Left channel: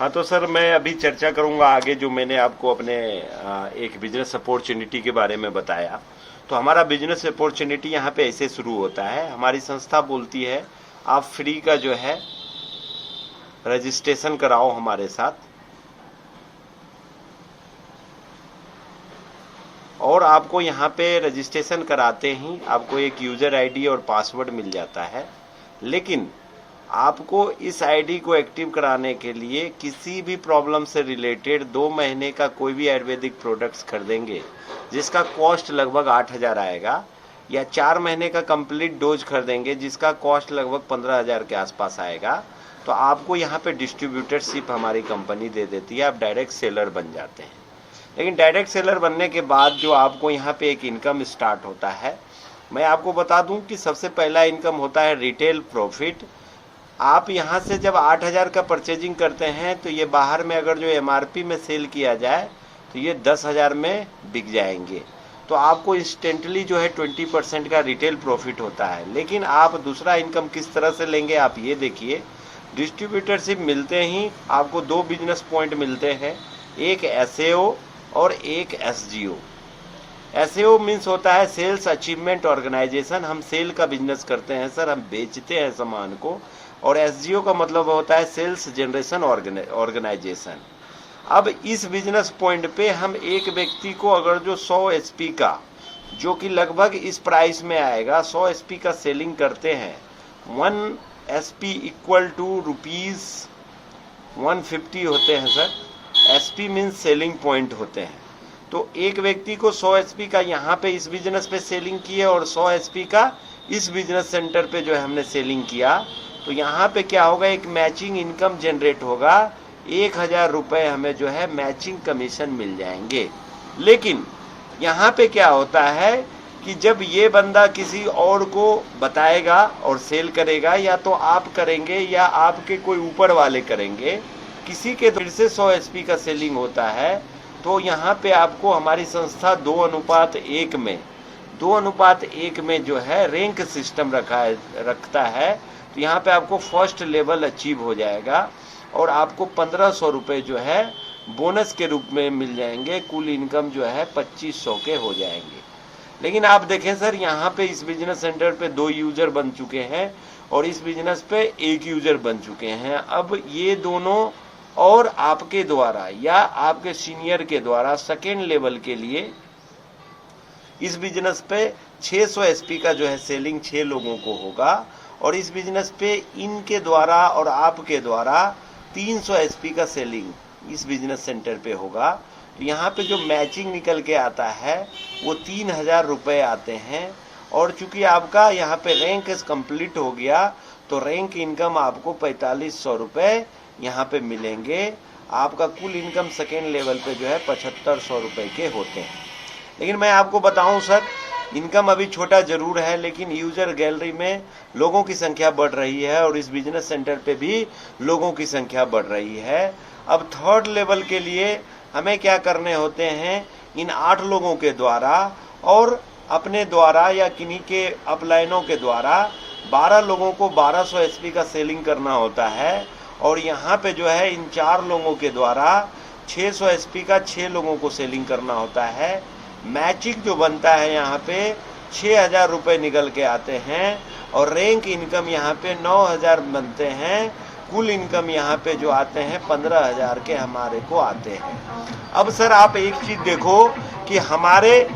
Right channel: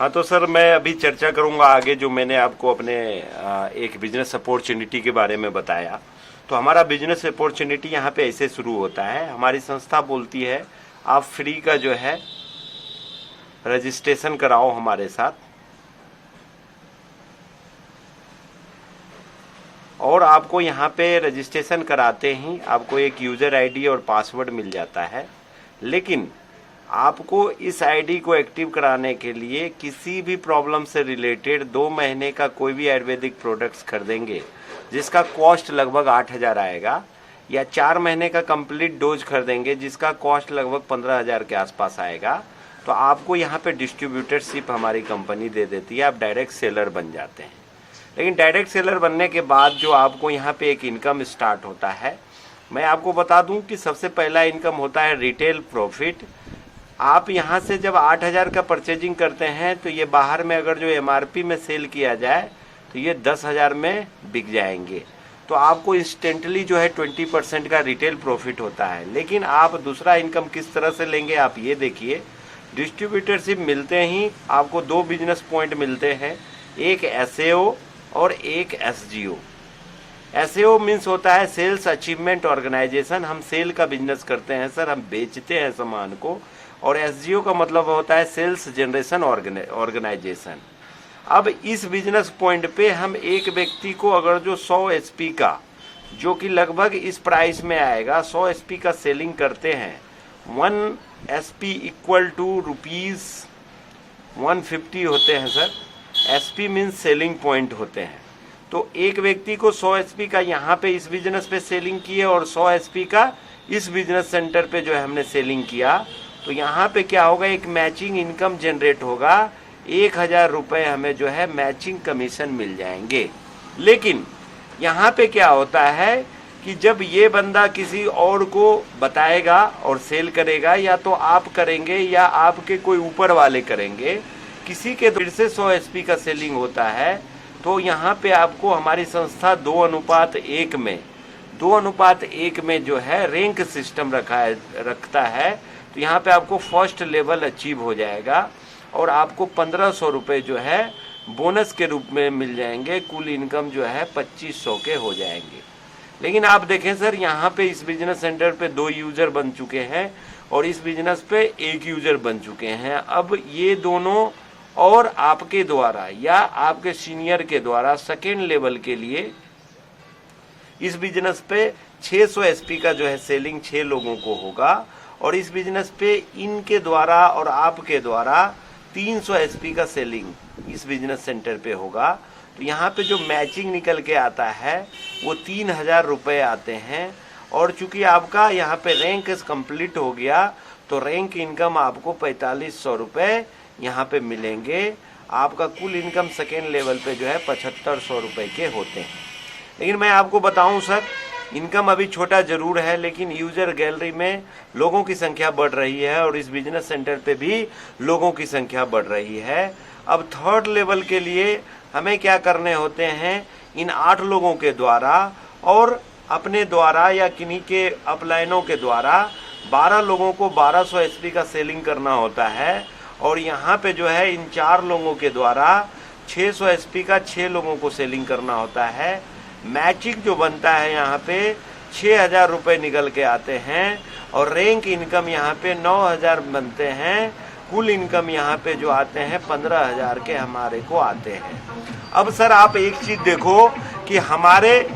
हाँ तो सर मैं अभी चर्चा करूंगा आगे जो मैंने आपको अपने एक बिजनेस अपॉर्चुनिटी के बारे में बताया। तो हमारा बिजनेस अपॉर्चुनिटी यहाँ पे ऐसे शुरू होता है। हमारी संस्था बोलती है आप फ्री का जो है रजिस्ट्रेशन कराओ हमारे साथ, और आपको यहाँ पे रजिस्ट्रेशन कराते ही आपको एक यूज़र आईडी और पासवर्ड मिल जाता है। लेकिन आपको इस आईडी को एक्टिव कराने के लिए किसी भी प्रॉब्लम से रिलेटेड 2 महीने का कोई भी आयुर्वेदिक प्रोडक्ट्स खरीदेंगे जिसका कॉस्ट लगभग 8,000 आएगा, या 4 महीने का कंप्लीट डोज खरीदेंगे जिसका कॉस्ट लगभग 15,000 के आसपास आएगा, तो आपको यहाँ पे डिस्ट्रीब्यूटरशिप हमारी कंपनी दे देती है, आप डायरेक्ट सेलर बन जाते हैं। लेकिन डायरेक्ट सेलर बनने के बाद जो आपको यहाँ पे एक इनकम स्टार्ट होता है, मैं आपको बता दूं कि सबसे पहला इनकम होता है रिटेल प्रॉफिट। आप यहाँ से जब 8,000 का परचेजिंग करते हैं तो ये बाहर में अगर जो एमआरपी में सेल किया जाए तो ये 10,000 में बिक जाएंगे, तो आपको इंस्टेंटली जो है 20% का रिटेल प्रॉफिट होता है। लेकिन आप दूसरा इनकम किस तरह से लेंगे आप ये देखिए। डिस्ट्रीब्यूटरशिप मिलते ही आपको 2 बिजनेस पॉइंट मिलते हैं, एक एसएओ और एक एसजीओ। एसएओ मीन्स होता है सेल्स अचीवमेंट ऑर्गेनाइजेशन, हम सेल का बिजनेस करते हैं सर, हम बेचते हैं सामान को। और एसजीओ का मतलब होता है सेल्स जनरेशन ऑर्गेनाइजेशन। अब इस बिजनेस पॉइंट पे हम एक व्यक्ति को अगर जो 100 एचपी का, जो कि लगभग इस प्राइस में आएगा, 100 एचपी का सेलिंग करते हैं, 1 एसपी इक्वल टू ₹150 होते हैं sir. SP means selling point होते हैं। तो एक व्यक्ति को 100 एचपी का यहाँ पे इस बिजनेस पे सेलिंग किए और 100 एचपी का इस बिजनेस सेंटर पे जो है हमने सेलिंग किया, तो यहाँ पे क्या होगा, एक मैचिंग इनकम जनरेट होगा। 1,000 रुपये हमें जो है मैचिंग कमीशन मिल जाएंगे। लेकिन यहाँ पे क्या होता है कि जब ये बंदा किसी और को बताएगा और सेल करेगा, या तो आप करेंगे या आपके कोई ऊपर वाले करेंगे, किसी के फिर से 100 एचपी का सेलिंग होता है, तो यहाँ पे आपको हमारी संस्था 2:1 में जो है रैंक सिस्टम रखता है। तो यहाँ पे आपको फर्स्ट लेवल अचीव हो जाएगा और आपको 1,500 रुपये जो है बोनस के रूप में मिल जाएंगे। कुल इनकम जो है 2,500 के हो जाएंगे। लेकिन आप देखें सर, यहाँ पे इस बिजनेस सेंटर पे 2 यूजर बन चुके हैं और इस बिजनेस पे 1 यूजर बन चुके हैं। अब ये दोनों और आपके द्वारा या आपके सीनियर के द्वारा सेकेंड लेवल के लिए इस बिजनेस पे 600 एसपी का जो है सेलिंग 6 लोगों को होगा, और इस बिजनेस पे इनके द्वारा और आपके द्वारा 300 एसपी का सेलिंग इस बिजनेस सेंटर पे होगा। तो यहाँ पे जो मैचिंग निकल के आता है वो 3,000 रुपये आते हैं। और चूंकि आपका यहाँ पे रैंक कंप्लीट हो गया तो रैंक इनकम आपको 4,500 रुपये यहाँ पे मिलेंगे। आपका कुल इनकम सेकेंड लेवल पे जो है 7,500 रुपये के होते हैं। लेकिन मैं आपको बताऊं सर, इनकम अभी छोटा जरूर है, लेकिन यूजर गैलरी में लोगों की संख्या बढ़ रही है और इस बिजनेस सेंटर पे भी लोगों की संख्या बढ़ रही है। अब थर्ड लेवल के लिए हमें क्या करने होते हैं, इन 8 लोगों के द्वारा और अपने द्वारा या किन्हीं के अपलाइनों के द्वारा 12 लोगों को 1200 एचपी का सेलिंग करना होता है। और यहाँ पे जो है इन 4 लोगों के द्वारा 600 एचपी का 6 लोगों को सेलिंग करना होता है। मैचिंग जो बनता है यहाँ पे 6,000 रुपये निकल के आते हैं और रैंक इनकम यहाँ पे 9,000 बनते हैं। कुल इनकम यहाँ पे जो आते हैं 15,000 के हमारे को आते हैं। अब सर आप एक चीज देखो कि हमारे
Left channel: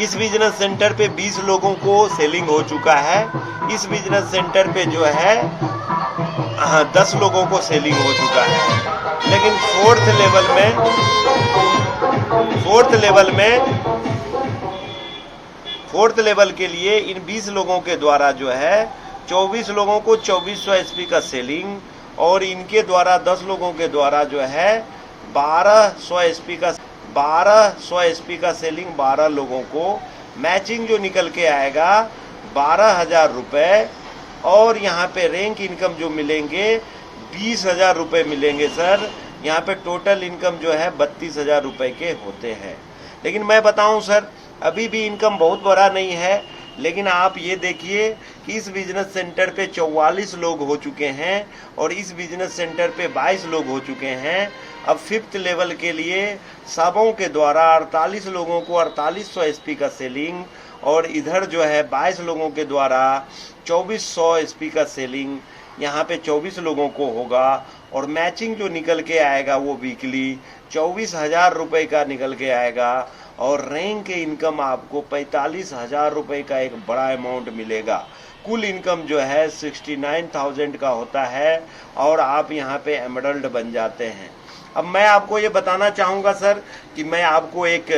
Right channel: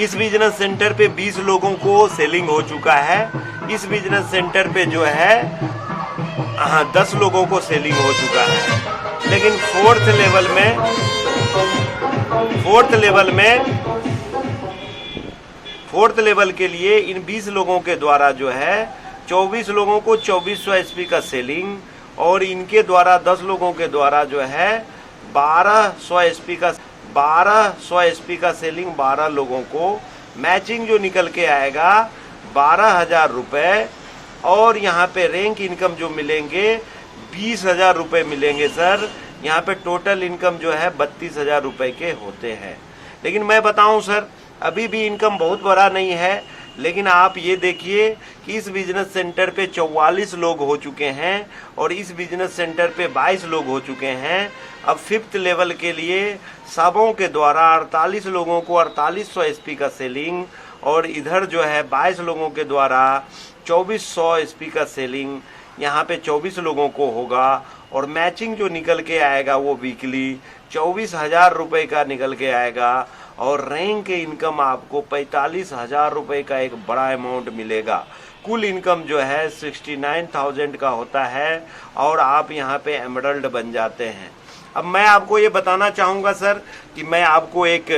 इस बिजनेस सेंटर पे 20 लोगों को सेलिंग हो चुका है। इस बिजनेस सेंटर पे जो है 10 लोगों को सेलिंग हो चुका है। लेकिन फोर्थ लेवल के लिए इन 20 लोगों के द्वारा जो है 24 लोगों को 2400 एचपी का सेलिंग, और इनके द्वारा 10 लोगों के द्वारा जो है 1200 एचपी का सेलिंग 12 लोगों को। मैचिंग जो निकल के आएगा 12,000 रुपये, और यहाँ पे रैंक इनकम जो मिलेंगे 20,000 रुपये मिलेंगे सर। यहाँ पे टोटल इनकम जो है 32,000 रुपये के होते हैं। लेकिन मैं बताऊं सर, अभी भी इनकम बहुत बड़ा नहीं है, लेकिन आप ये देखिए कि इस बिजनेस सेंटर पे 44 लोग हो चुके हैं और इस बिजनेस सेंटर पे 22 लोग हो चुके हैं। अब 5th लेवल के लिए सबों के द्वारा 48 लोगों को 4800 एसपी का सेलिंग, और इधर जो है 22 लोगों के द्वारा 2400 एसपी का सेलिंग यहाँ पे 24 लोगों को होगा। और मैचिंग जो निकल के आएगा वो वीकली 24,000 रुपये का निकल के आएगा। और रैंक इनकम आपको 45,000 रुपये का एक बड़ा अमाउंट मिलेगा। कुल इनकम जो है 69,000 का होता है और आप यहाँ पे एमरल्ड बन जाते हैं। अब मैं आपको ये बताना चाहूँगा सर कि मैं आपको एक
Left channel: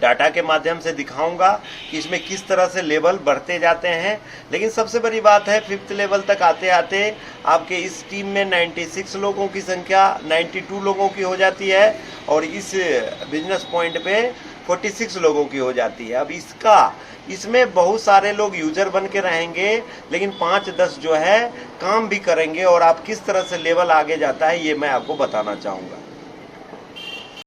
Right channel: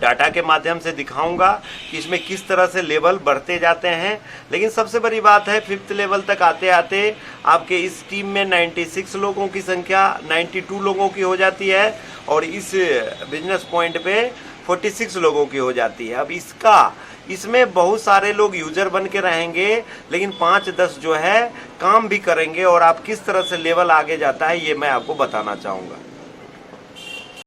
डाटा के माध्यम से दिखाऊंगा कि इसमें किस तरह से लेवल बढ़ते जाते हैं। लेकिन सबसे बड़ी बात है 5th लेवल तक आते आते आपके इस टीम में 96 लोगों की संख्या 92 लोगों की हो जाती है और इस बिजनेस पॉइंट पे 46 लोगों की हो जाती है। अब इसमें बहुत सारे लोग यूजर बन के रहेंगे, लेकिन 5-10 जो है काम भी करेंगे और आप किस तरह से लेवल आगे जाता है ये मैं आपको बताना चाहूँगा।